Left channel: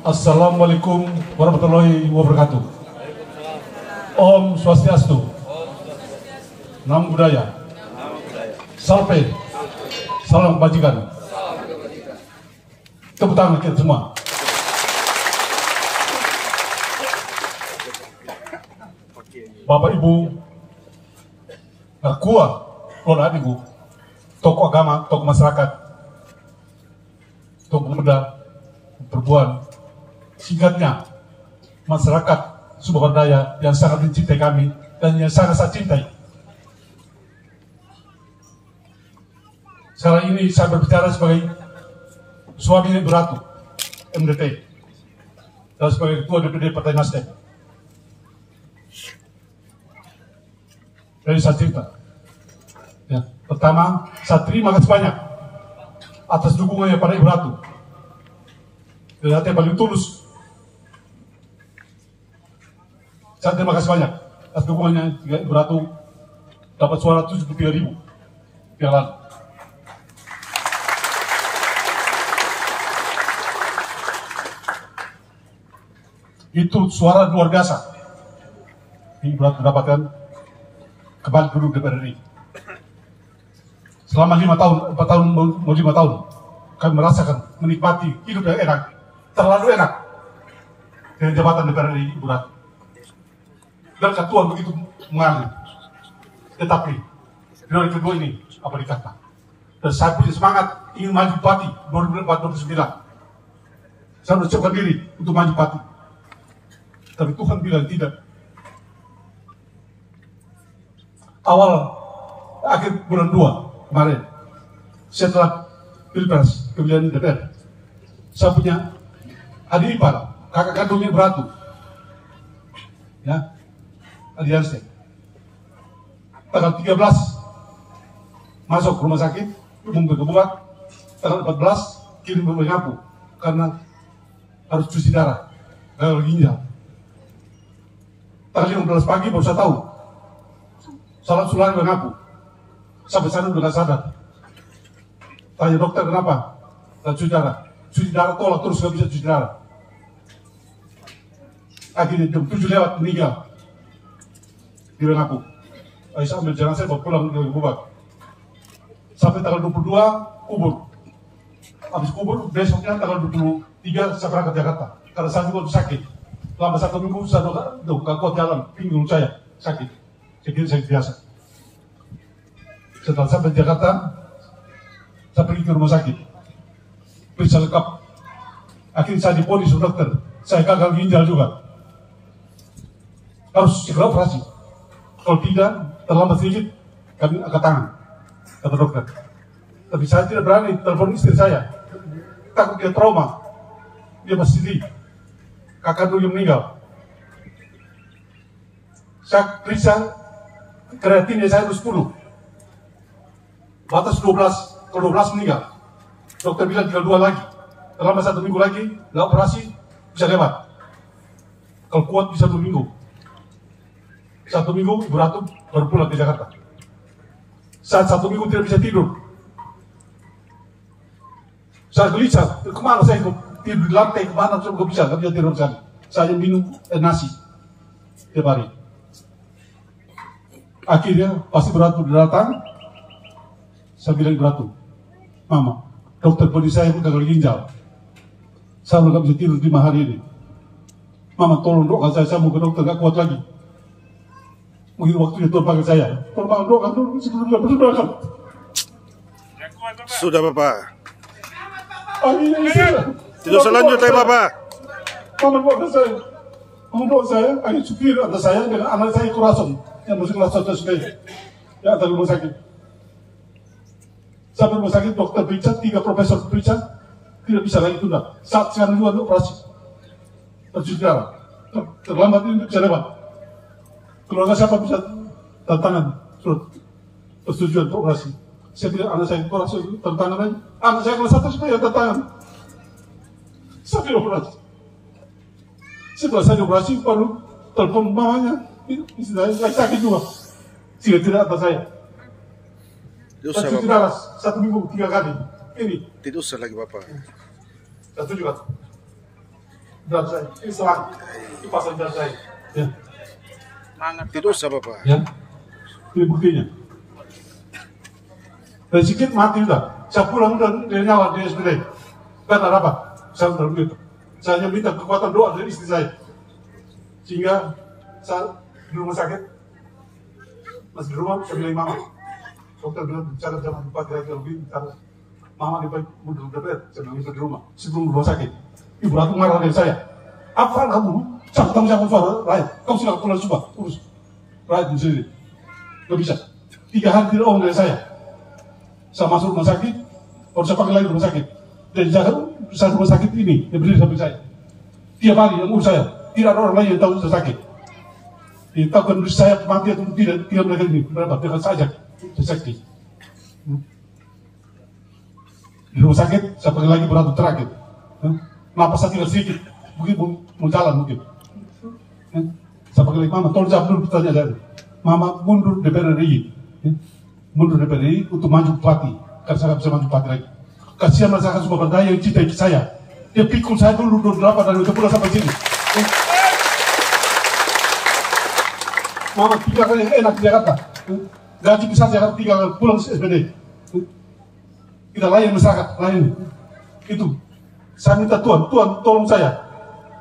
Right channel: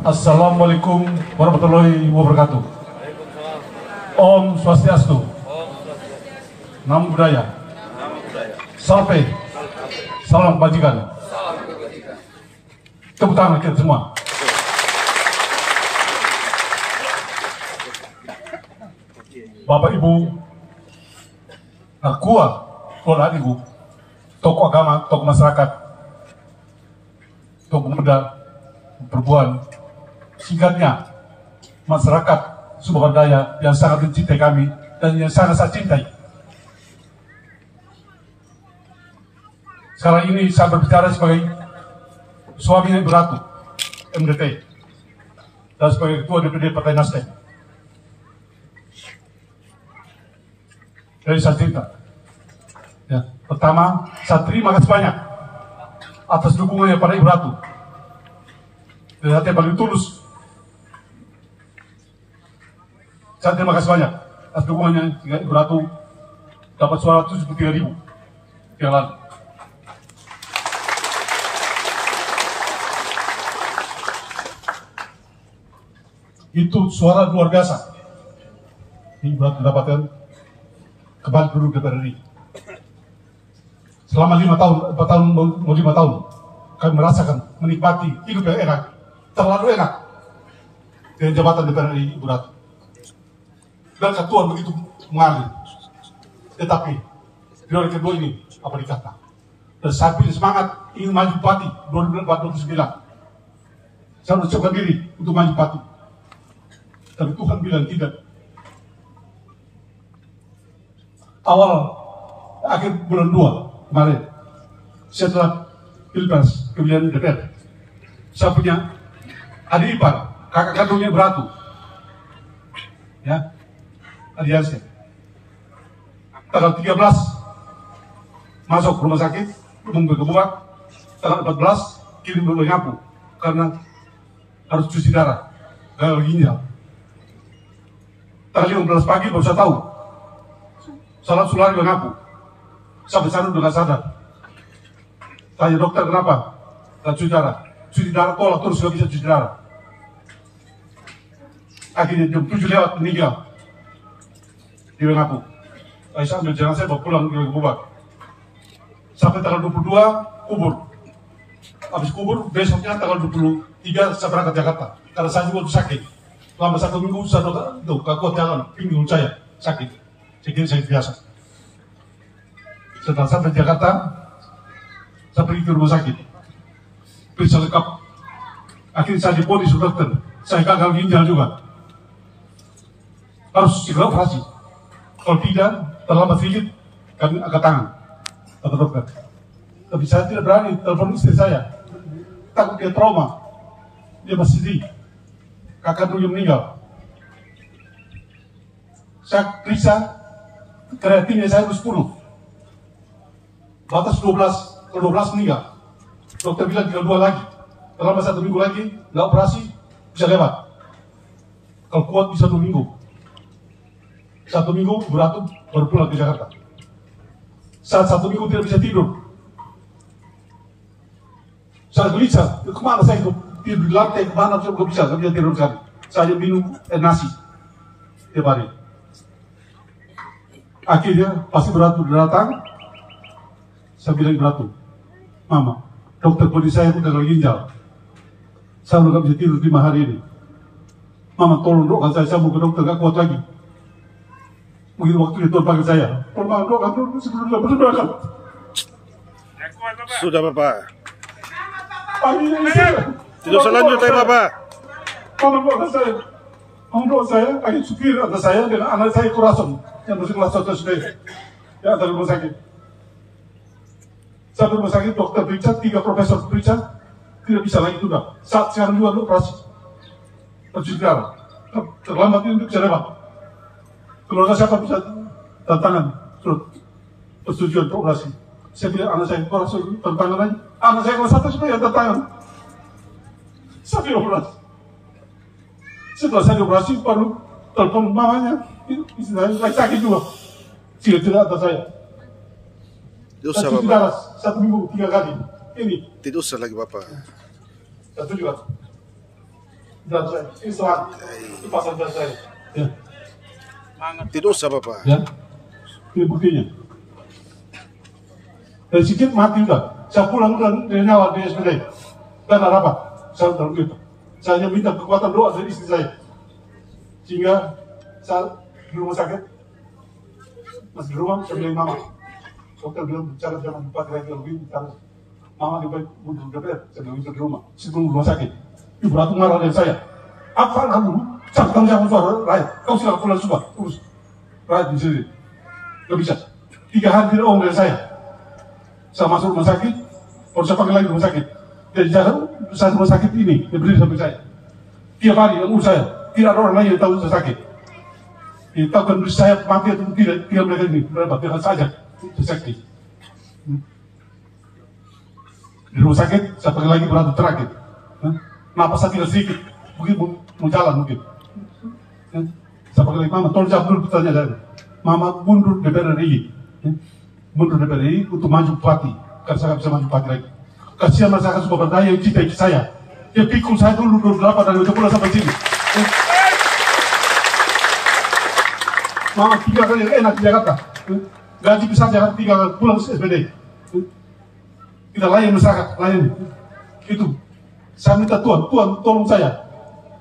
Assalamualaikum warahmatullahi wabarakatuh. Om Swastiastu. Namo Buddhaya. Salam. Salam kebajikan. Tepuk tangan kita semua. Bapak Ibu, kuat, Ibu, tokoh agama, tokoh masyarakat, tokoh muda, perempuan, singkatnya masyarakat Sumber Daya yang sangat mencintai kami dan yang sangat saya cintai. Sekarang ini saya berbicara sebagai suami Ibu Ratu MDT dan sebagai Ketua DPD Partai Nasdem. Jadi saya cerita. Ya, pertama, saya terima kasih banyak atas dukungannya pada Ibu Ratu. Dan hati yang paling tulus. Saya terima kasih banyak atas dukungannya Ibu Ratu dapat suara 73.000 yang lalu. Itu suara luar biasa. Ibu Ratu mendapatkan kembali duduk DPR RI. Selama 5 tahun, 4 tahun, mau 5 tahun, kami merasakan, menikmati hidup yang enak, terlalu enak dengan jabatan DPR RI Ibu Ratu. Dan ketua begitu mengalir. Tetapi dari kedua ini apa dikata? Dan saya punya semangat ingin maju bupati 2004-2009. Saya mencoba diri untuk maju bupati. Tapi Tuhan bilang tidak. Akhir bulan 2 kemarin, setelah Pilpres pemilihan DPR, saya punya adik ipar, kakak kandungnya Beratu, ya, Adiansyah. Tanggal 13 masuk rumah sakit, umum berkebuka. Tanggal 14 kirim ke Ngapu karena harus cuci darah, gagal ginjal. Tanggal 15 pagi baru saya tahu. Salam sulari mengaku. Sampai sana udah gak sadar. Tanya dokter kenapa? Dan cuci darah. Cuci darah tolak terus gak bisa cuci darah. Akhirnya jam 7 lewat meninggal. Di mengaku. Saya ambil jenazah bawa pulang ke Bubak. Sampai tanggal 22 kubur. Habis kubur besoknya tanggal 23 saya berangkat Jakarta. Karena saya juga sakit. Selama 1 minggu saya gak kuat jalan. Pinggul saya sakit. Saya kira saya biasa. Setelah sampai Jakarta, saya pergi ke rumah sakit. Periksa lengkap. Akhirnya saya diponis dokter. Saya gagal ginjal juga. Harus segera operasi. Kalau tidak, terlambat sedikit, kami angkat tangan. Kata dokter. Tapi saya tidak berani telepon istri saya. Takut dia trauma. Dia masih sedih. Kakak dulu yang meninggal. Saya periksa. Kreatinnya saya itu 10. Batas 12, kalau 12 meninggal. Dokter bilang tinggal 2 lagi. Selama 1 minggu lagi, nggak operasi, bisa lewat. Kalau kuat bisa 2 minggu. 1 minggu, Beratu baru pulang ke Jakarta. Saat 1 minggu tidak bisa tidur. Saya gelisah, kemana saya tidur di lantai, kemana saya nggak bisa tidur sekali. Saya minum nasi tiap hari. Akhirnya pasti Beratu datang. Saya bilang Beratu, Mama, dokter beri saya itu gagal ginjal. Saya udah gak bisa tidur 5 hari ini. Mama tolong doakan saya mau ke dokter gak kuat lagi. Mungkin waktu itu panggil saya. Tolong doakan sebelum gak berdoakan. Sudah Bapak. Amin. Tidak selanjutnya Bapak. Mama doakan saya. Mama doakan saya. Akhirnya supir atas saya dengan anak saya Kurason. Yang masih kelas 1 SD. Ya, dari rumah sakit. Sampai rumah sakit, dokter periksa, 3 profesor periksa, tidak bisa lagi tunda. Saat sekarang juga operasi. Cuci darah. Terlambat ini bisa lewat. Keluarga siapa bisa tantangan surat persetujuan untuk operasi. Saya bilang anak saya operasi tantangan aja. Anak saya kelas 1 supaya tantangan. Saya bilang operasi. Setelah saya operasi, baru telepon mamanya. Istri saya sakit juga. Tidak atas saya. Tidak usah cuci darah 1 minggu 3 kali. Ini. Tidak usah lagi Bapak. Satu juga. berat saya. Ini selang, ini pasang berat saya. Ya. Tidak usah Bapak. Ya, ini buktinya. Dan sedikit mati udah. Saya pulang dari nyawa di SPD. Gak ada apa. Saya udah begitu. Saya hanya minta kekuatan doa dari istri saya. Sehingga saat di rumah sakit, masih di rumah, saya bilang mama. Dokter bilang bicara jangan Bupati lagi lebih. Karena mama lebih mundur DPR. Saya bilang itu di rumah. Sebelum rumah sakit. Ibu Ratu marah dengan saya. Apa kamu? Sampai kamu jangan suara rakyat. Kamu silakan pulang coba. Urus. Rakyat di sini. Gak bisa. 3 hari tidak omong dengan saya. Saya masuk rumah sakit, baru saya panggil lagi rumah sakit. Dari jalan, saya rumah sakit ini, yang berdiri samping saya. Tiap hari yang urus saya, tidak ada orang lain yang tahu saya sakit. Yang tahu kondisi saya mati atau tidak mereka ini, berapa, dengan saja, saya sakit. Di rumah sakit, saya panggil lagi beratur terakhir. Kenapa saya tidak sedikit, mungkin mau jalan mungkin. Saya panggil lagi, mama, tolong jawab dulu pertanyaan. Mama mundur DPR RI. Mundur DPR RI untuk maju bupati, karena saya nggak bisa maju bupati lagi. Kasihan masyarakat Sumber Daya yang cintai saya. Dia pikul saya dulu 28 dan udah pulang sampai sini. Mama 3 kali yang enak di Jakarta. Gaji besar Jakarta 3 kali pulang ke SPD. Kita layan masyarakat, layan. Itu. Saya minta Tuhan tolong saya.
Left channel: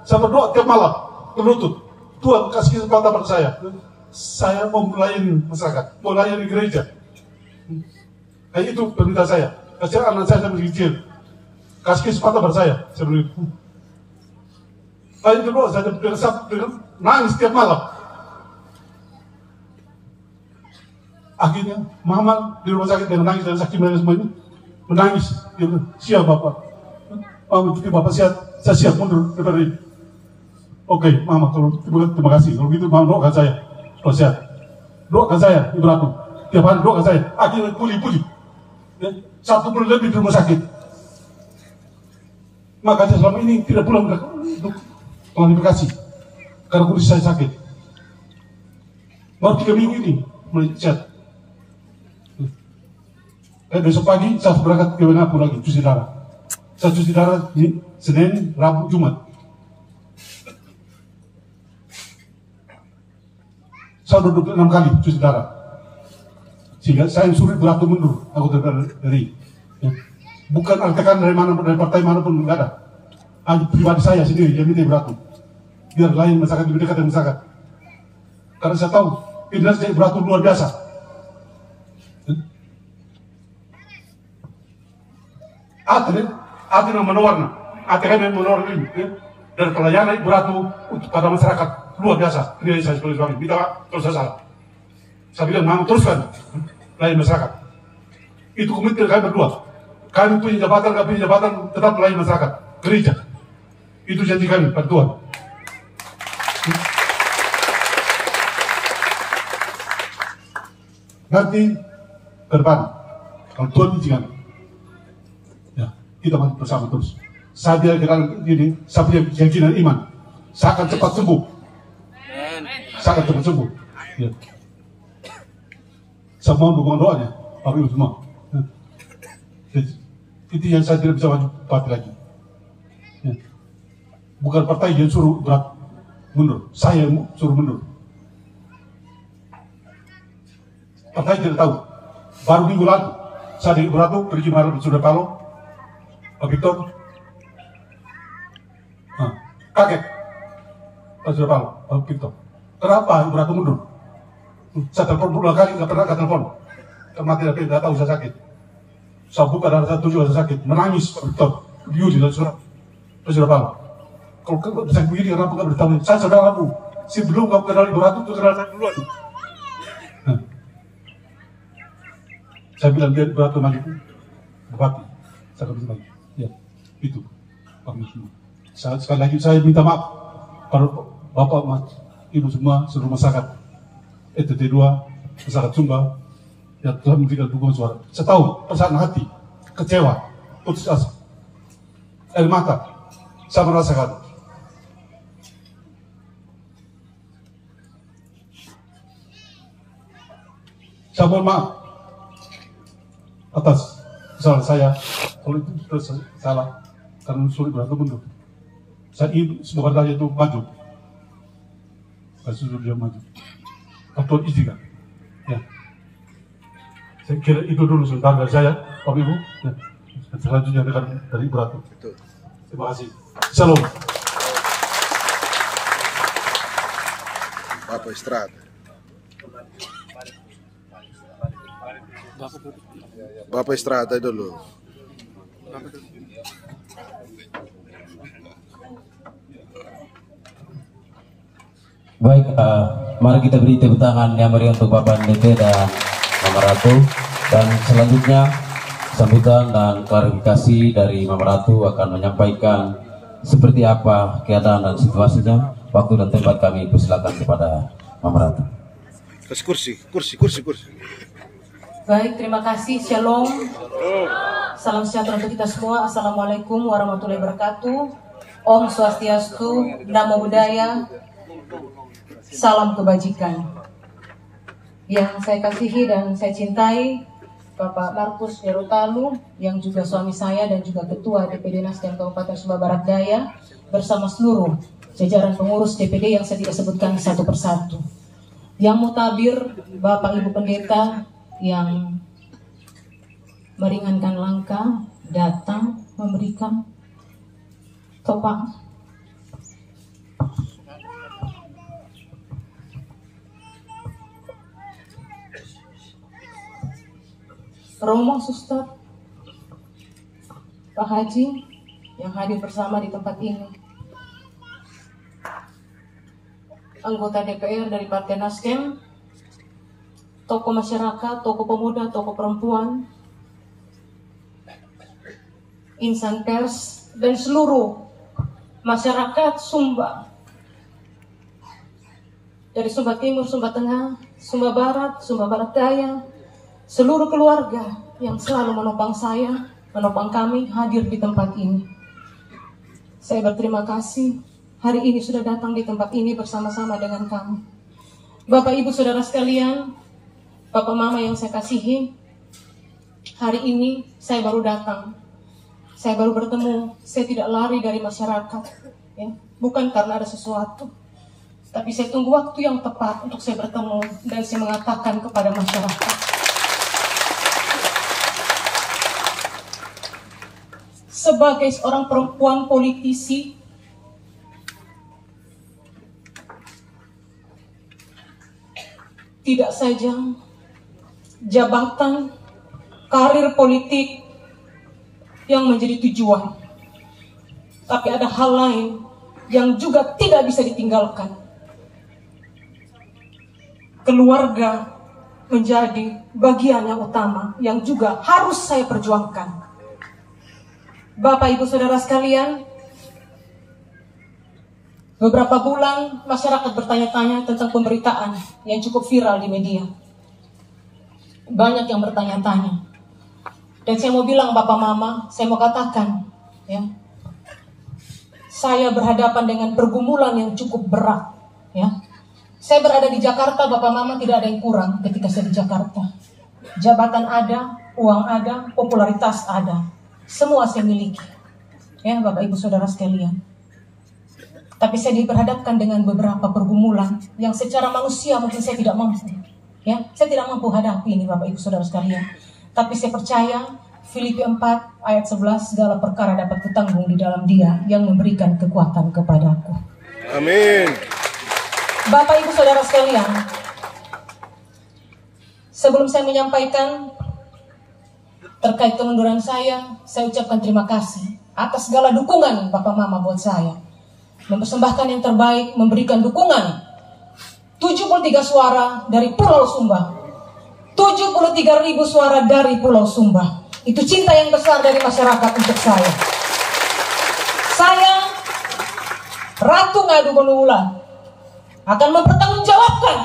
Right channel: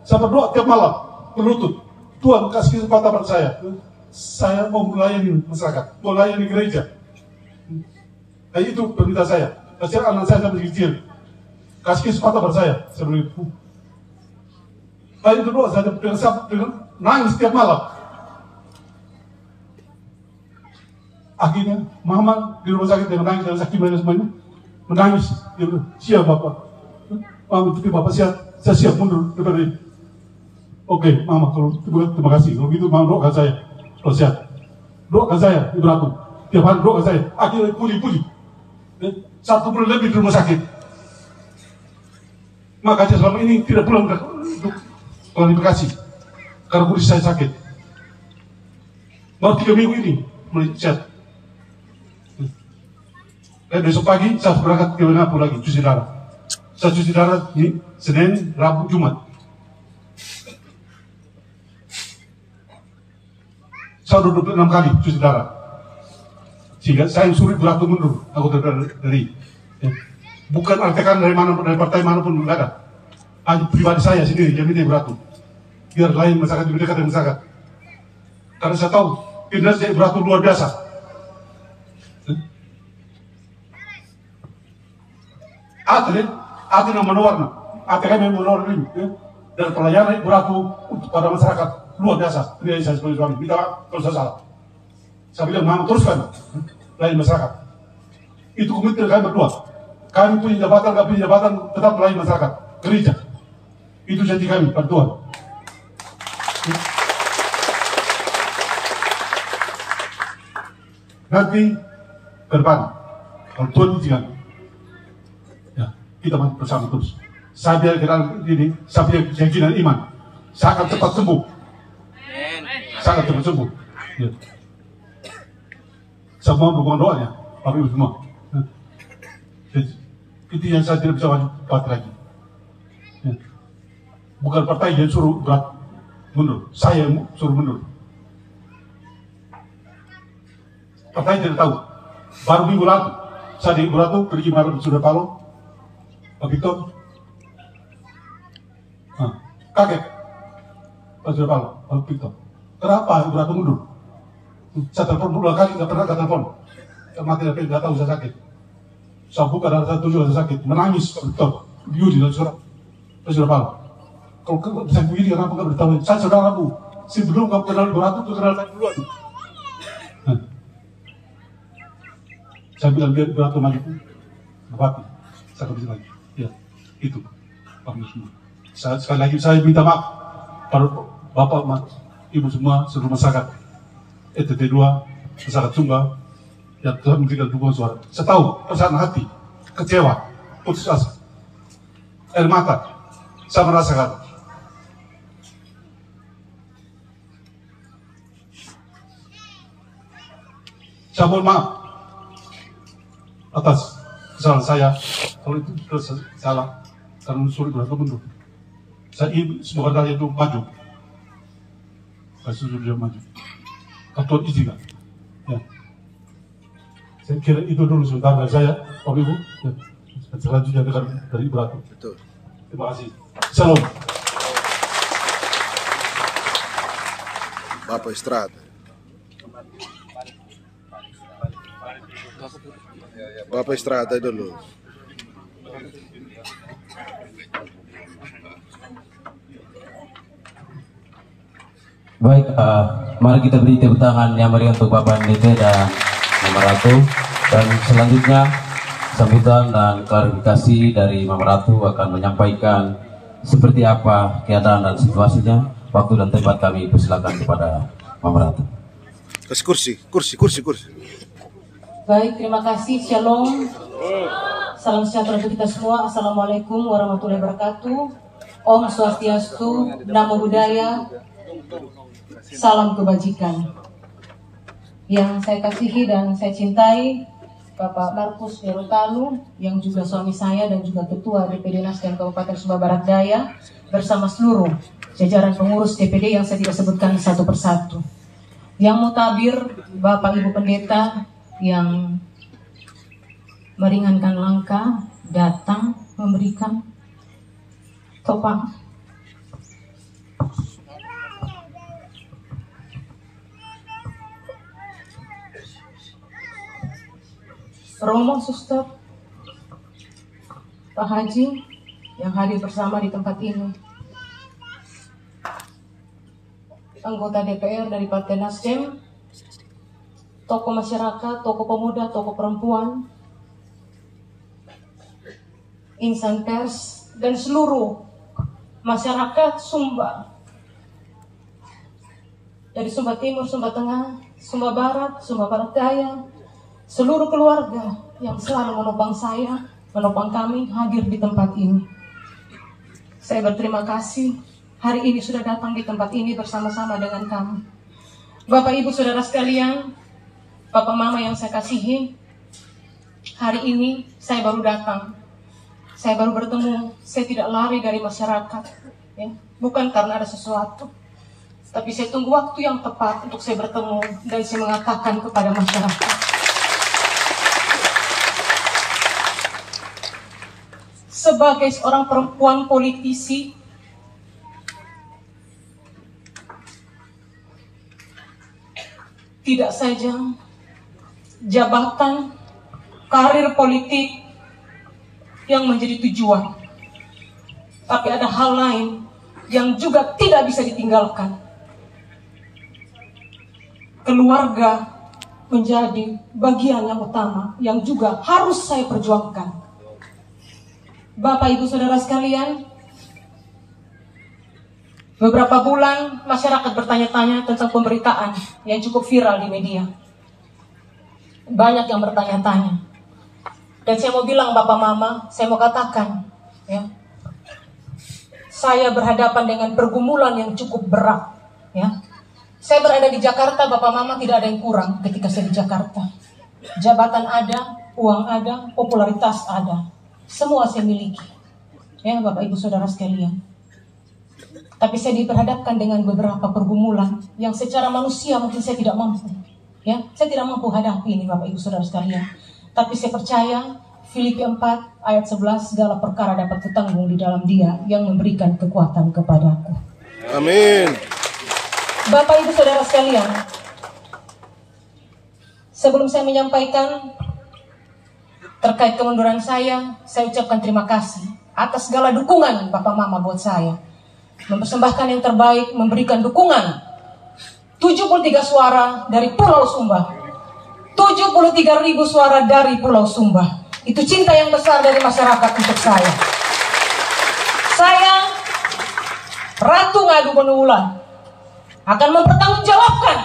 Saya berdoa tiap malam, berlutut. Tuhan kasih kesempatan pada saya. Saya mau melayani masyarakat, mau melayani gereja. Nah itu permintaan saya. Kasih anak saya masih kecil. Kasih kesempatan pada saya. Saya bilang, lain kedua saya dengan nangis setiap malam. Akhirnya mama di rumah sakit dengan nangis dan sakit dan semuanya menangis. Dia bilang, siap bapak. Mama itu bapak siap, saya siap mundur dari. Oke, mama terima kasih. Kalau gitu mama doakan saya. Kalau sehat, doakan saya, Ibu Ratu. Tiap hari doakan saya. Akhirnya pulih. 1 bulan lebih di rumah sakit. Makanya selama ini tidak pulang untuk klarifikasi. Karena kondisi saya sakit. Baru 3 minggu ini mulai sehat. Besok pagi saya berangkat ke Napu lagi, cuci darah. Saya cuci darah di Senin, Rabu, Jumat. Saya udah 26 kali cuci darah. Sehingga saya yang suruh Ratu mundur, aku dari. Ya. Bukan artikan dari mana dari partai manapun, enggak ada. Hanya pribadi saya sendiri yang minta Ratu. Biar lain masyarakat lebih dekat dengan masyarakat. Karena saya tahu kinerja Ratu luar biasa. Ada yang menawarna, yang menawarna ini. Ya. Dan pelayanan Ratu untuk pada masyarakat luar biasa. Ini saya sebagai suami. Minta maaf kalau saya salah. Saya bilang, mama teruskan layan masyarakat. Itu komitmen kami berdua. Kami punya jabatan, kami punya jabatan, tetap melayani masyarakat. Gereja. Itu janji kami pada Tuhan. Nanti ke depan, kalau Tuhan izinkan, ya, kita masih bersama terus. Saya biar ke dalam ini, saya punya keyakinan iman. Saya akan cepat sembuh. Saya akan cepat sembuh. Ya. Semua dukungan doanya, Bapak Ibu semua. Itu yang saya tidak bisa maju partai lagi. Ya. Bukan partai yang suruh berat mundur, saya yang suruh mundur. Partai tidak tahu. Baru minggu lalu, saya di Ibu Ratu pergi malam di Surya Paloh, Pak Victor, kaget, Pak Surya Paloh, Pak Victor. Kenapa Ibu Ratu mundur? Saya telepon 2 kali, nggak pernah telepon. Karena tidak tahu saya sakit. Saya buka dan saya tunjuk saya sakit. Menangis Pak Victor, Yudi dan surat Pak Surya Paloh. Kalau saya begini, kenapa nggak beritahu? Saya saudara kamu. Sebelum kamu kenal Ibu Ratu, itu kenal saya duluan. Saya bilang dia Ibu Ratu maju, Bupati. Saya bisa lagi. Ya, itu. Sekali lagi saya minta maaf pada Bapak, Ibu semua, seluruh masyarakat. ETT 2, masyarakat Sumba, yang telah memberikan dukungan suara. Saya tahu perasaan hati, kecewa, putus asa, air mata, saya merasakan. Saya mohon maaf atas kesalahan saya, kalau itu salah, karena sulit berlaku mundur. Saya ingin semoga rakyat itu maju. Saya setuju dia maju. Atau izinkan. Ya. Saya kira itu dulu sebentar dari saya, Bapak Ibu. Ya. Dan selanjutnya dari Ibu Ratu. Betul. Terima kasih. Shalom. Bapak istirahat. Bapak istirahat aja dulu. Baik, mari kita beri tepuk tangan yang meriah untuk Bapak NDT dan Mama Ratu. Dan selanjutnya sambutan dan klarifikasi dari Mama Ratu akan menyampaikan seperti apa keadaan dan situasinya. Waktu dan tempat kami persilakan kepada Mama Ratu. Kasih kursi. Baik, terima kasih. Shalom. Salam sejahtera untuk kita semua. Assalamualaikum warahmatullahi wabarakatuh. Om Swastiastu, Namo Buddhaya, salam kebajikan. Yang saya kasihi dan saya cintai, Bapak Markus Yerutalu, yang juga suami saya dan juga Ketua DPD Nasdem Kabupaten Sumba Barat Daya, bersama seluruh jajaran pengurus DPD yang saya tidak sebutkan satu persatu. Yang mutabir, Bapak Ibu Pendeta yang meringankan langkah, datang memberikan topang. Romo, Suster, Pak Haji yang hadir bersama di tempat ini, anggota DPR dari Partai Nasdem, tokoh masyarakat, tokoh pemuda, tokoh perempuan, insan pers, dan seluruh masyarakat Sumba, dari Sumba Timur, Sumba Tengah, Sumba Barat, Sumba Barat Daya, seluruh keluarga yang selalu menopang saya, menopang kami hadir di tempat ini. Saya berterima kasih hari ini sudah datang di tempat ini bersama-sama dengan kami. Bapak Ibu Saudara sekalian, Bapak Mama yang saya kasihi, hari ini saya baru datang. Saya baru bertemu, saya tidak lari dari masyarakat, ya. Bukan karena ada sesuatu, tapi saya tunggu waktu yang tepat untuk saya bertemu dan saya mengatakan kepada masyarakat. Sebagai seorang perempuan politisi, tidak saja jabatan, karir politik yang menjadi tujuan, tapi ada hal lain yang juga tidak bisa ditinggalkan. Keluarga menjadi bagian yang utama yang juga harus saya perjuangkan. Bapak Ibu Saudara sekalian, beberapa bulan masyarakat bertanya-tanya tentang pemberitaan yang cukup viral di media. Banyak yang bertanya-tanya. Dan saya mau bilang Bapak Mama, saya mau katakan, ya, saya berhadapan dengan pergumulan yang cukup berat. Ya. Saya berada di Jakarta, Bapak Mama, tidak ada yang kurang ketika saya di Jakarta. Jabatan ada, uang ada, popularitas ada. Semua saya miliki, ya Bapak Ibu Saudara sekalian. Tapi saya diperhadapkan dengan beberapa pergumulan yang secara manusia mungkin saya tidak mampu. Ya, saya tidak mampu hadapi ini Bapak Ibu Saudara sekalian. Tapi saya percaya Filipi 4 ayat 11, segala perkara dapat kutanggung di dalam Dia yang memberikan kekuatan kepadaku. Amin. Bapak Ibu Saudara sekalian, sebelum saya menyampaikan terkait kemunduran saya ucapkan terima kasih atas segala dukungan Bapak Mama buat saya. Mempersembahkan yang terbaik, memberikan dukungan 73 suara dari Pulau Sumba, 73.000 suara dari Pulau Sumba. Itu cinta yang besar dari masyarakat untuk saya. Saya, Ratu Ngadu Bonula, akan mempertanggungjawabkan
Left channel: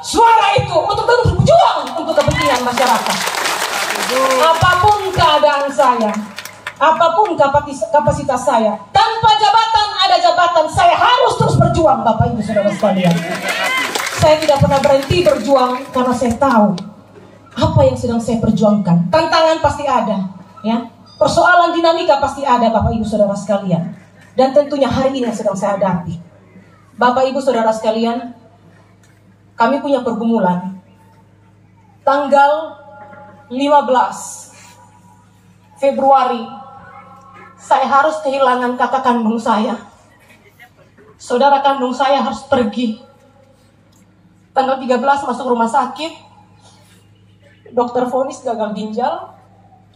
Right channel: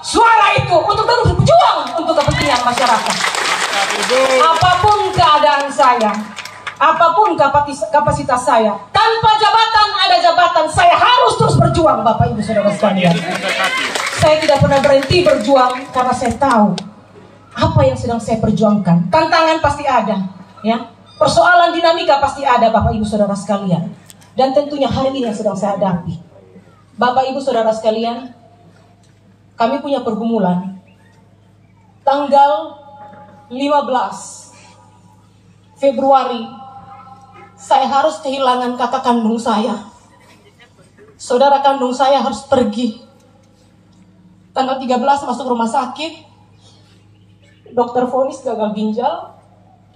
suara itu untuk terus berjuang untuk kepentingan masyarakat. Apapun keadaan saya, apapun kapasitas saya, tanpa jabatan ada jabatan, saya harus terus berjuang Bapak Ibu Saudara sekalian. Saya tidak pernah berhenti berjuang karena saya tahu apa yang sedang saya perjuangkan. Tantangan pasti ada, ya. Persoalan dinamika pasti ada Bapak Ibu Saudara sekalian. Dan tentunya hari ini yang sedang saya hadapi. Bapak Ibu Saudara sekalian, kami punya pergumulan. Tanggal 15 Februari, saya harus kehilangan kakak kandung saya. Saudara kandung saya harus pergi. Tanggal 13 masuk rumah sakit. Dokter vonis gagal ginjal.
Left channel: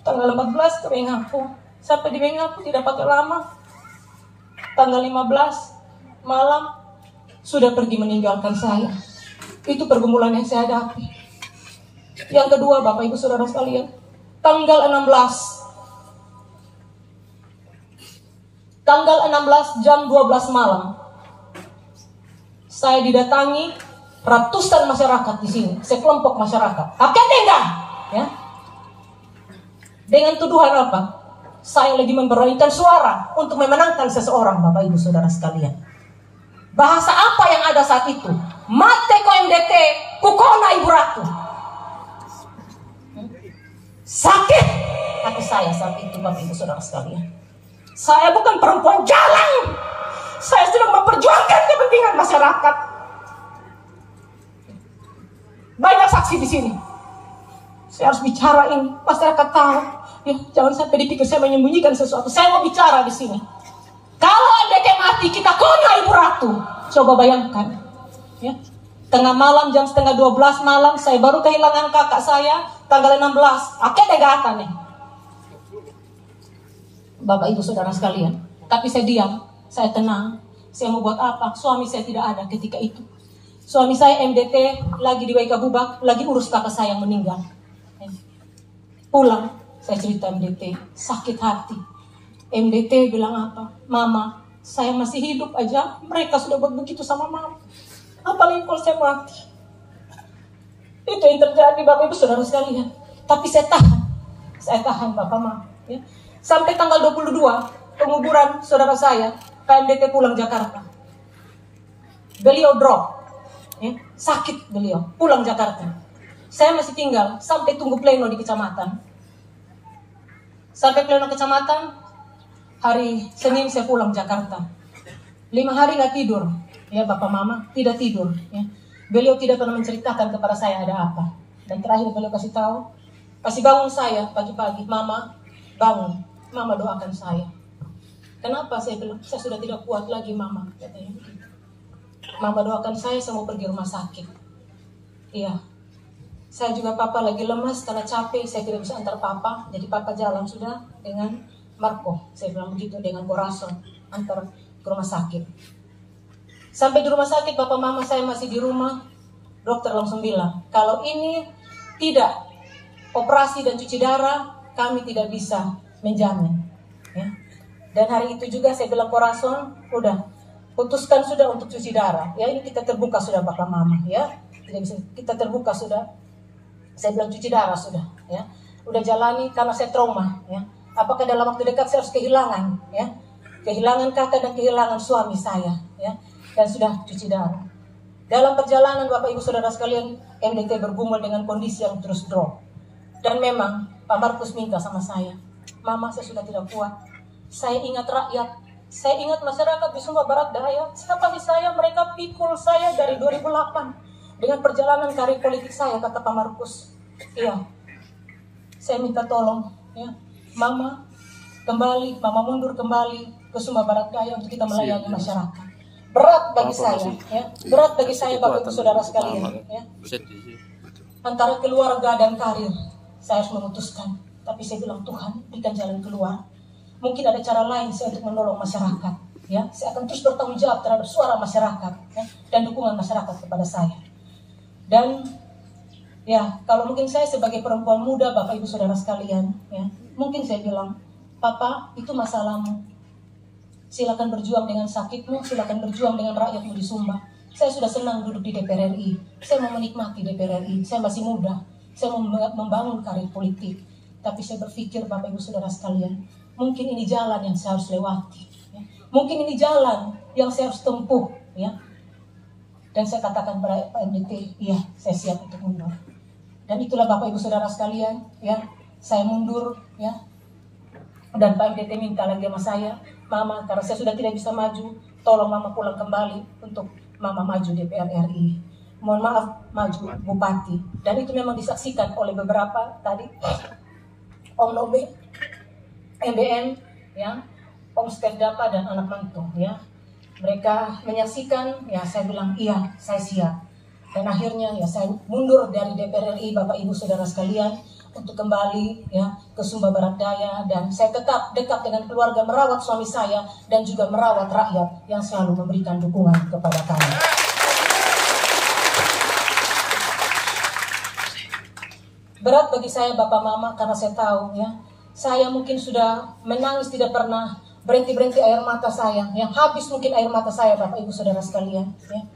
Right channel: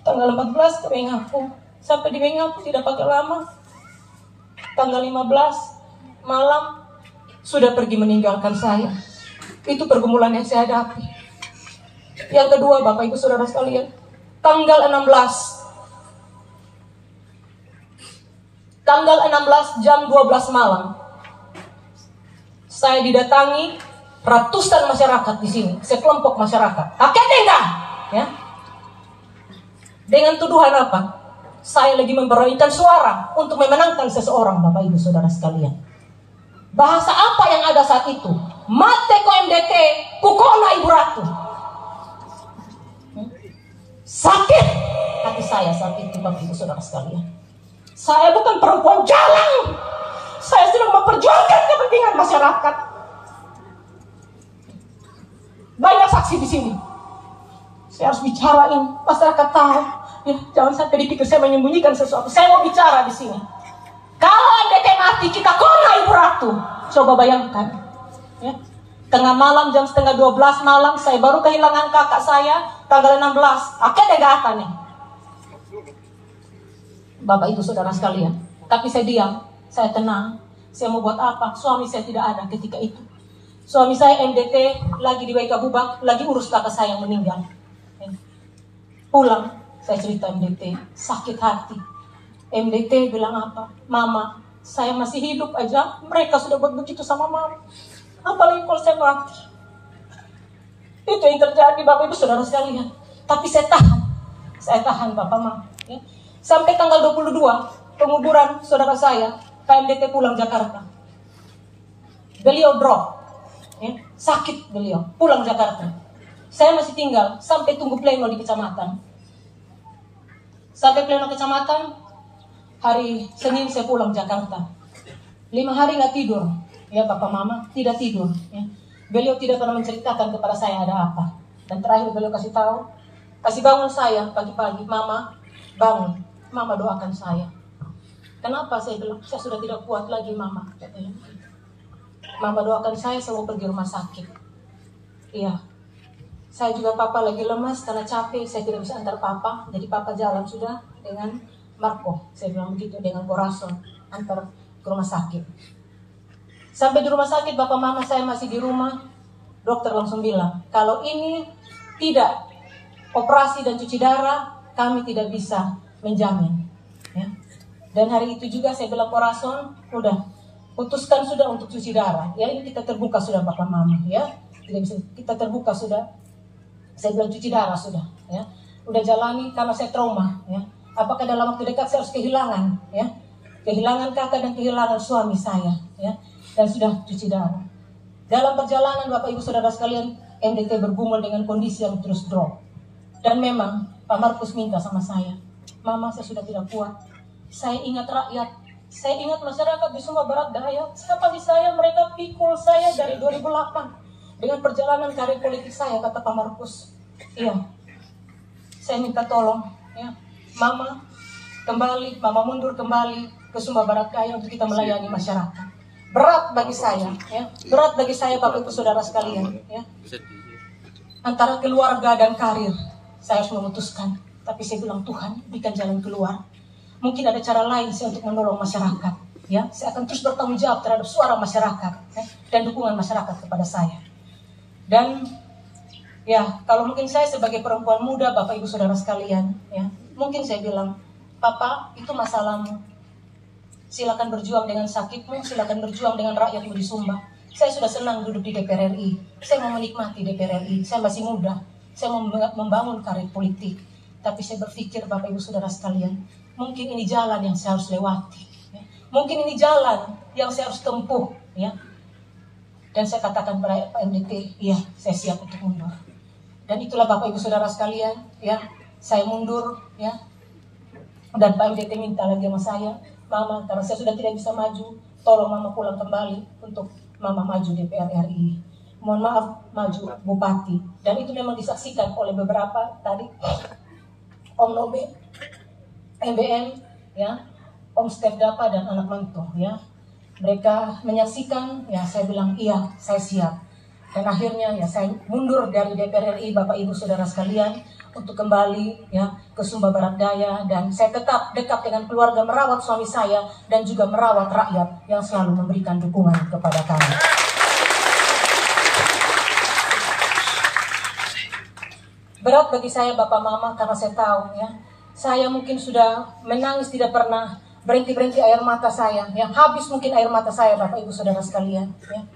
Tanggal 14 ke Bengapu. Sampai di Bengapu tidak pakai lama. Tanggal 15 malam sudah pergi meninggalkan saya. Itu pergumulan yang saya hadapi. Yang kedua, Bapak Ibu Saudara sekalian, tanggal 16 jam 12 malam, saya didatangi ratusan masyarakat di sini, sekelompok masyarakat. Akeh tenda, ya. Dengan tuduhan apa? Saya lagi memperolehkan suara untuk memenangkan seseorang, Bapak Ibu Saudara sekalian. Bahasa apa yang ada saat itu? Mate ko MDT, kukona Ibu Ratu. Sakit hati saya saat itu, Bapak Ibu Saudara sekalian. Saya bukan perempuan jalan. Saya sedang memperjuangkan kepentingan masyarakat. Banyak saksi di sini. Saya harus bicara ini, masyarakat tahu. Ya, jangan sampai dipikir saya menyembunyikan sesuatu. Saya mau bicara di sini. Kalau MDT mati, kita kona Ibu Ratu. Coba bayangkan. Ya. Tengah malam, jam setengah 12 malam, saya baru kehilangan kakak saya. Tanggal 16. Oke, degatan nih. Bapak Ibu Saudara sekalian. Tapi saya diam. Saya tenang. Saya mau buat apa? Suami saya tidak ada ketika itu. Suami saya MDT lagi di WK Bubak, lagi urus kakak saya yang meninggal. Pulang, saya cerita MDT, sakit hati. MDT bilang apa? Mama, saya masih hidup aja, mereka sudah buat begitu sama mama. Apalagi kalau saya mati. Itu yang terjadi, Bapak Ibu Saudara sekalian. Tapi saya tahan Bapak Mama. Ya. Sampai tanggal 22, penguburan saudara saya, KMDT pulang Jakarta. Beliau drop. Ya. Sakit beliau, pulang Jakarta. Saya masih tinggal, sampai tunggu pleno di kecamatan. Sampai pleno kecamatan, hari Senin saya pulang Jakarta. 5 hari nggak tidur, ya Bapak Mama, tidak tidur. Ya. Beliau tidak pernah menceritakan kepada saya ada apa. Dan terakhir beliau kasih tahu, kasih bangun saya pagi-pagi, Mama bangun, Mama doakan saya. Kenapa? Saya bilang, saya sudah tidak kuat lagi Mama, katanya. Mama doakan saya mau pergi rumah sakit. Iya. Saya juga Papa lagi lemas karena capek, saya tidak bisa antar Papa. Jadi Papa jalan sudah dengan Marco. Saya bilang begitu dengan Borason, antar ke rumah sakit. Sampai di rumah sakit, Bapak Mama saya masih di rumah. Dokter langsung bilang, kalau ini tidak operasi dan cuci darah, kami tidak bisa menjamin. Ya. Dan hari itu juga saya bilang Borason, udah putuskan sudah untuk cuci darah. Ya, ini kita terbuka sudah Bapak Mama. Ya, tidak bisa, kita terbuka sudah. Saya bilang cuci darah sudah. Ya, udah jalani karena saya trauma. Ya, apakah dalam waktu dekat saya harus kehilangan? Ya, kehilangan kakak dan kehilangan suami saya. Ya. Dan sudah cuci darah. Dalam perjalanan Bapak Ibu Saudara sekalian, MDT bergumul dengan kondisi yang terus drop. Dan memang Pak Markus minta sama saya, Mama saya sudah tidak kuat. Saya ingat rakyat, saya ingat masyarakat di Sumba Barat Daya. Siapa di saya, mereka pikul saya dari 2008. Dengan perjalanan karir politik saya, kata Pak Markus. Iya, saya minta tolong, ya, Mama kembali, Mama mundur kembali ke Sumba Barat Daya untuk kita melayani masyarakat. Berat bagi saya, ya. Berat bagi saya Bapak Ibu Saudara sekalian, ya. Antara keluarga dan karir, saya harus memutuskan. Tapi saya bilang Tuhan, berikan jalan keluar. Mungkin ada cara lain saya untuk menolong masyarakat, ya. Saya akan terus bertanggung jawab terhadap suara masyarakat, ya, dan dukungan masyarakat kepada saya. Dan ya, kalau mungkin saya sebagai perempuan muda, Bapak Ibu Saudara sekalian, ya, mungkin saya bilang, Papa, itu masalahmu. Silakan berjuang dengan sakitmu, silakan berjuang dengan rakyatmu di Sumba. Saya sudah senang duduk di DPR RI. Saya mau menikmati DPR RI. Saya masih muda. Saya mau membangun karir politik. Tapi saya berpikir, Bapak Ibu Saudara sekalian, mungkin ini jalan yang saya harus lewati. Ya. Mungkin ini jalan yang saya harus tempuh. Ya. Dan saya katakan pada Pak MDT, iya, saya siap untuk mundur. Dan itulah Bapak Ibu Saudara sekalian, ya, saya mundur, ya. Dan Pak MDT minta lagi sama saya, Mama, karena saya sudah tidak bisa maju, tolong Mama pulang kembali untuk Mama maju DPR RI. Mohon maaf, maju Bupati. Dan itu memang disaksikan oleh beberapa tadi, Om Nobe, MBM, ya, Om Stef Dapa dan anak mantu, ya. Mereka menyaksikan, ya saya bilang iya, saya siap. Dan akhirnya ya saya mundur dari DPR RI, Bapak Ibu Saudara sekalian, untuk kembali ya ke Sumba Barat Daya, dan saya tetap dekat dengan keluarga, merawat suami saya dan juga merawat rakyat yang selalu memberikan dukungan kepada kami. Berat bagi saya Bapak Mama karena saya tahu ya, saya mungkin sudah menangis tidak pernah berhenti air mata saya, yang habis mungkin air mata saya Bapak Ibu Saudara sekalian ya.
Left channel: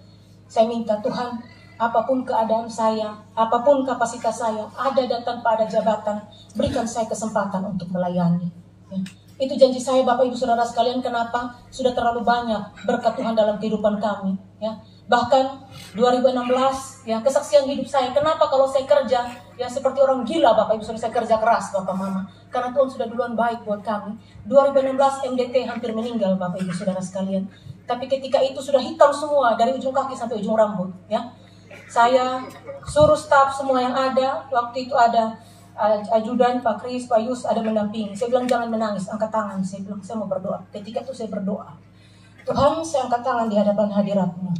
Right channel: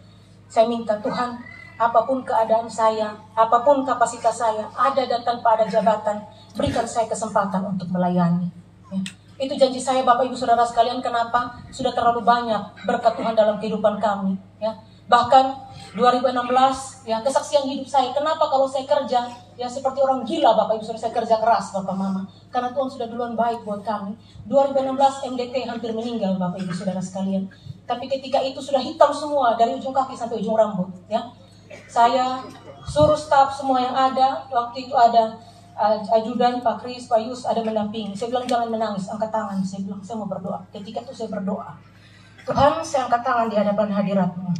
Saya minta Tuhan, apapun keadaan saya, apapun kapasitas saya, ada dan tanpa ada jabatan, berikan saya kesempatan untuk melayani. Ya. Itu janji saya Bapak Ibu Saudara sekalian. Kenapa? Sudah terlalu banyak berkat Tuhan dalam kehidupan kami. Ya. Bahkan 2016, ya kesaksian hidup saya. Kenapa kalau saya kerja, ya seperti orang gila Bapak Ibu Saudara, saya kerja keras Bapak Mama. Karena Tuhan sudah duluan baik buat kami. 2016 MDT hampir meninggal Bapak Ibu Saudara sekalian. Tapi ketika itu sudah hitam semua dari ujung kaki sampai ujung rambut. Ya. Saya suruh staf semua yang ada, waktu itu ada ajudan, Pak Kris, Pak Yus ada mendampingi. Saya bilang jangan menangis, angkat tangan. Saya bilang saya mau berdoa. Ketika itu saya berdoa, Tuhan saya angkat tangan di hadapan hadirat-Mu.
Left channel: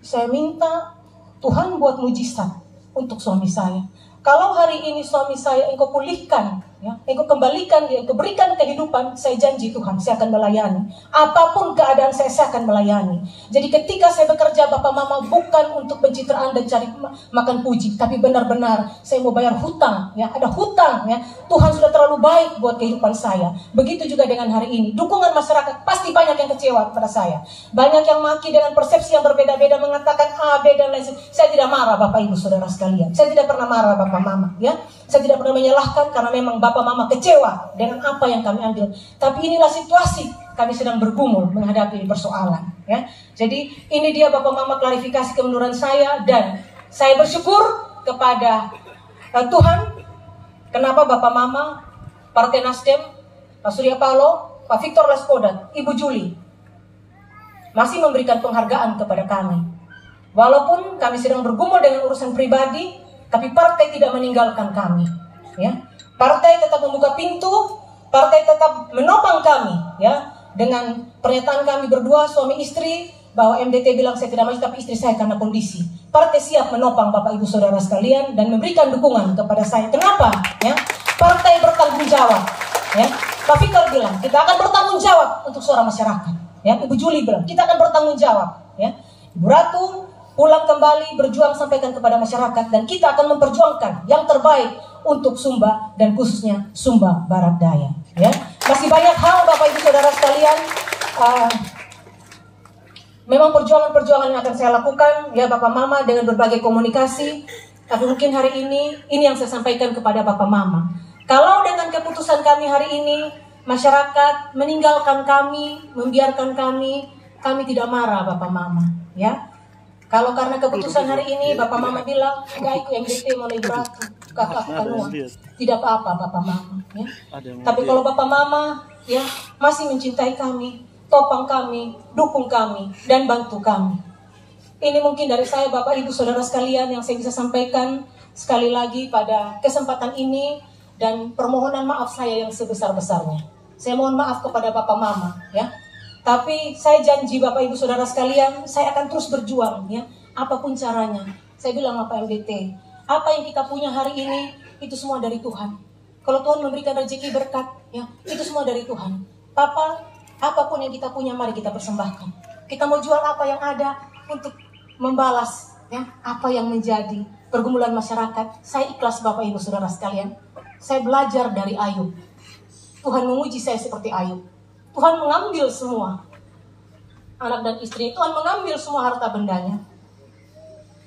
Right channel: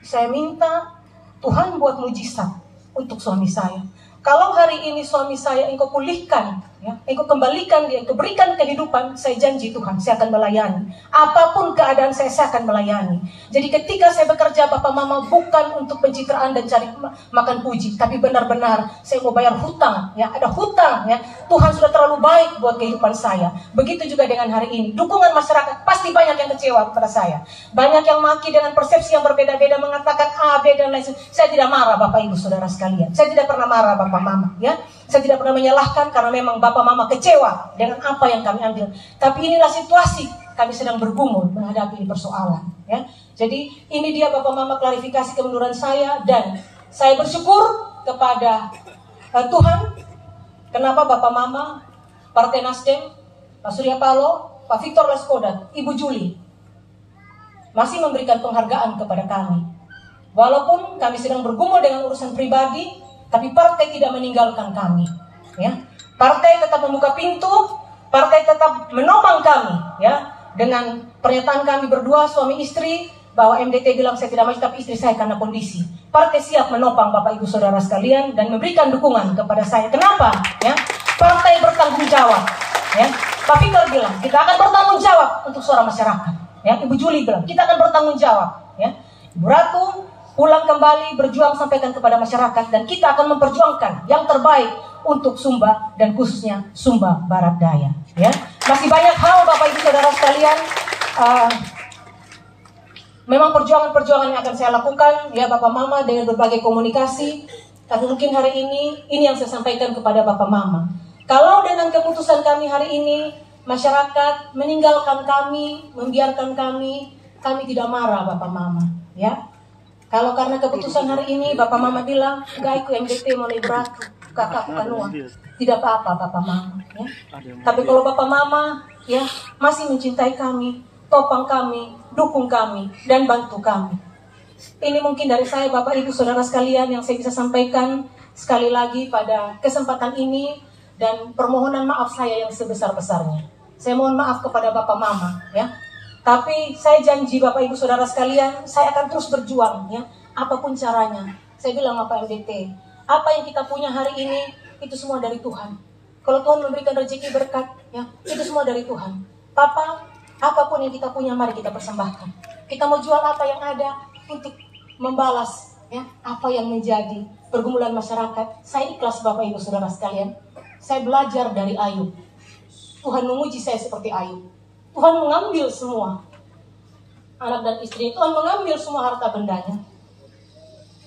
Saya minta Tuhan buat mujizat untuk suami saya. Kalau hari ini suami saya Engkau pulihkan, ya, Engkau kembalikan dia, Engkau berikan kehidupan, saya janji Tuhan, saya akan melayani. Apapun keadaan saya akan melayani. Jadi ketika saya bekerja Bapak Mama, bukan untuk pencitraan dan cari makan puji, tapi benar-benar saya mau bayar hutang, ya, ada hutang, ya. Tuhan sudah terlalu baik buat kehidupan saya. Begitu juga dengan hari ini. Dukungan masyarakat pasti banyak yang kecewa kepada saya. Banyak yang maki dengan persepsi yang berbeda-beda, mengatakan A, B dan lain sebagainya. Saya tidak marah Bapak Ibu Saudara sekalian. Saya tidak pernah marah Bapak Mama, ya. Saya tidak pernah menyalahkan karena memang Bapak Mama kecewa dengan apa yang kami ambil. Tapi inilah situasi kami sedang bergumul menghadapi persoalan, ya. Jadi ini dia Bapak Mama klarifikasi kemunduran saya, dan saya bersyukur kepada Tuhan. Kenapa Bapak Mama, Partai Nasdem, Pak Surya Paloh, Pak Victor Laskodat, Ibu Juli masih memberikan penghargaan kepada kami. Walaupun kami sedang bergumul dengan urusan pribadi, tapi partai tidak meninggalkan kami. Ya, partai tetap membuka pintu, partai tetap menopang kami. Ya, dengan pernyataan kami berdua suami istri bahwa MDT bilang saya tidak maju, tapi istri saya karena kondisi. Partai siap menopang Bapak Ibu Saudara sekalian dan memberikan dukungan kepada saya. Kenapa? Ya, partai bertanggung jawab. Ya, Pak Victor bilang kita akan bertanggung jawab untuk suara masyarakat. Ya, Ibu Juli bilang kita akan bertanggung jawab. Ya, Ibu Ratu pulang kembali berjuang sampaikan kepada masyarakat, dan kita akan memperjuangkan yang terbaik untuk Sumba dan khususnya Sumba Barat Daya. Ya, masih banyak hal Bapak Ibu Saudara sekalian. Memang perjuangan-perjuangan yang akan saya lakukan, ya Bapak Mama, dengan berbagai komunikasi. Tapi mungkin hari ini yang saya sampaikan kepada Bapak Mama. Kalau dengan keputusan kami hari ini, masyarakat meninggalkan kami, membiarkan kami tidak marah Bapak Mama. Ya, kalau karena keputusan hari ini Bapak Mama bilang, gaiku MDT mulai berat, kakak kanua, tidak apa-apa Bapak Mama. Ya. Tapi kalau Bapak Mama ya masih mencintai kami, topang kami, dukung kami, dan bantu kami. Ini mungkin dari saya Bapak Ibu Saudara sekalian yang saya bisa sampaikan sekali lagi pada kesempatan ini, dan permohonan maaf saya yang sebesar-besarnya. Saya mohon maaf kepada Bapak Mama, ya. Tapi saya janji Bapak Ibu Saudara sekalian, saya akan terus berjuang, ya. Apapun caranya. Saya bilang apa MDT, apa yang kita punya hari ini itu semua dari Tuhan. Kalau Tuhan memberikan rezeki berkat, ya, itu semua dari Tuhan. Papa, apapun yang kita punya, mari kita persembahkan. Kita mau jual apa yang ada untuk membalas, ya, apa yang menjadi pergumulan masyarakat. Saya ikhlas Bapak Ibu Saudara sekalian. Saya belajar dari Ayub. Tuhan menguji saya seperti Ayub. Tuhan mengambil semua anak dan istri. Tuhan mengambil semua harta bendanya.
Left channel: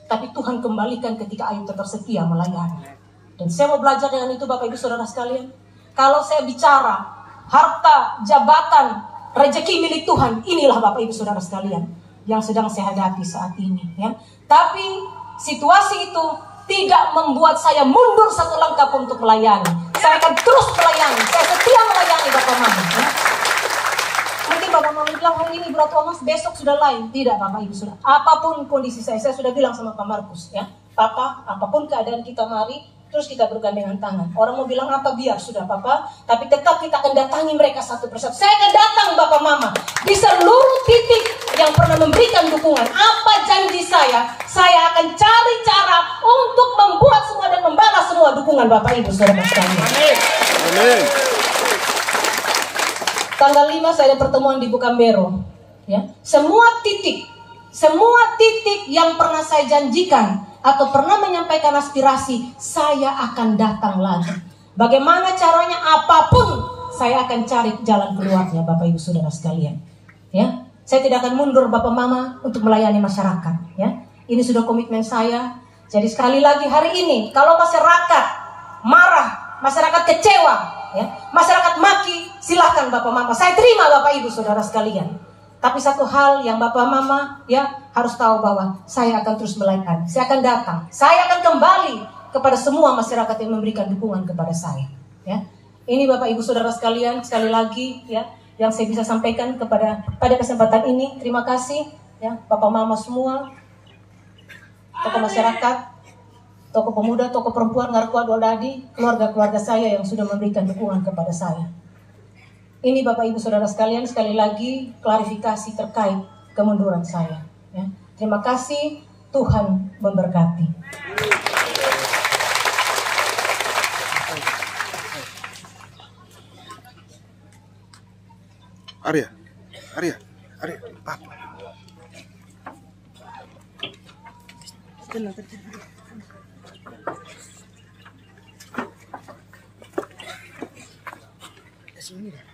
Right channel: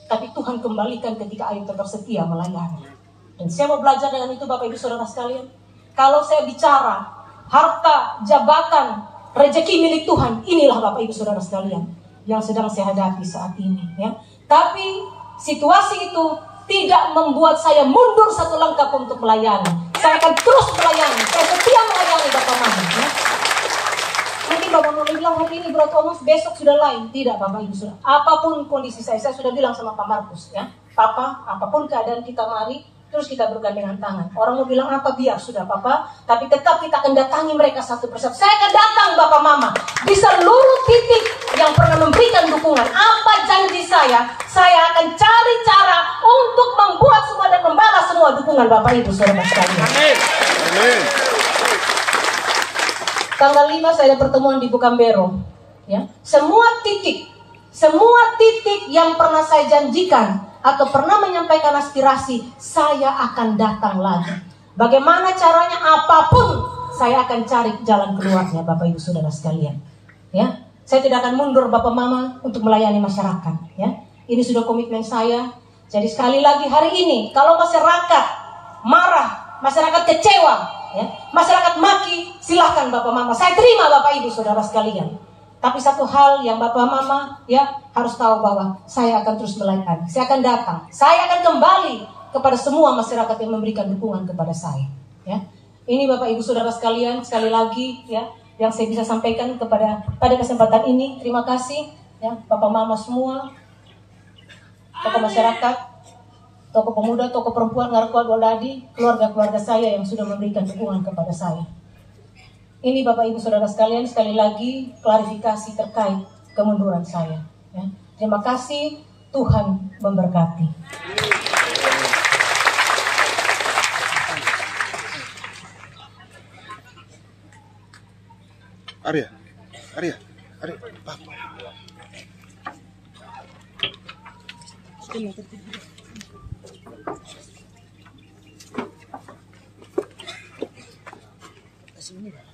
Tapi Tuhan kembalikan ketika Ayub tetap setia melayani. Dan saya mau belajar dengan itu Bapak Ibu Saudara sekalian. Kalau saya bicara harta, jabatan, rezeki milik Tuhan, inilah Bapak Ibu Saudara sekalian yang sedang saya hadapi saat ini, ya. Tapi situasi itu tidak membuat saya mundur satu langkah untuk melayani. Saya akan terus melayani. Saya setia melayani Bapak Mama. Ya. Saudara Thomas besok sudah lain. Tidak Bapak Ibu sudah. Apapun kondisi saya sudah bilang sama Pak Markus ya. Papa, apapun keadaan kita mari, terus kita bergandengan tangan. Orang mau bilang apa biar sudah Papa, tapi tetap kita akan datangi mereka satu persatu. Saya akan datang Bapak Mama di seluruh titik yang pernah memberikan dukungan. Apa janji saya akan cari cara untuk membuat semua dan membalas semua dukungan Bapak Ibu Saudara sekalian. Amin. Tanggal 5 saya ada pertemuan di Bukambero. Ya, semua titik yang pernah saya janjikan atau pernah menyampaikan aspirasi, saya akan datang lagi. Bagaimana caranya? Apapun, saya akan cari jalan keluarnya, Bapak Ibu Saudara sekalian. Ya, saya tidak akan mundur, Bapak Mama, untuk melayani masyarakat. Ya, ini sudah komitmen saya. Jadi sekali lagi hari ini, kalau masyarakat marah, masyarakat kecewa, ya, masyarakat maki, silahkan Bapak Mama. Saya terima Bapak Ibu Saudara sekalian. Tapi satu hal yang Bapak Mama ya harus tahu bahwa saya akan terus melayani. Saya akan datang. Saya akan kembali kepada semua masyarakat yang memberikan dukungan kepada saya. Ya, ini Bapak Ibu Saudara sekalian, sekali lagi ya yang saya bisa sampaikan pada kesempatan ini. Terima kasih ya Bapak Mama semua, tokoh masyarakat, tokoh pemuda, tokoh perempuan, Ngarkua Goldadi, keluarga-keluarga saya yang sudah memberikan dukungan kepada saya. Ini Bapak Ibu Saudara sekalian, sekali lagi klarifikasi terkait kemunduran saya. Ya. Terima kasih, Tuhan memberkati. Arya, Papa. Sini dah.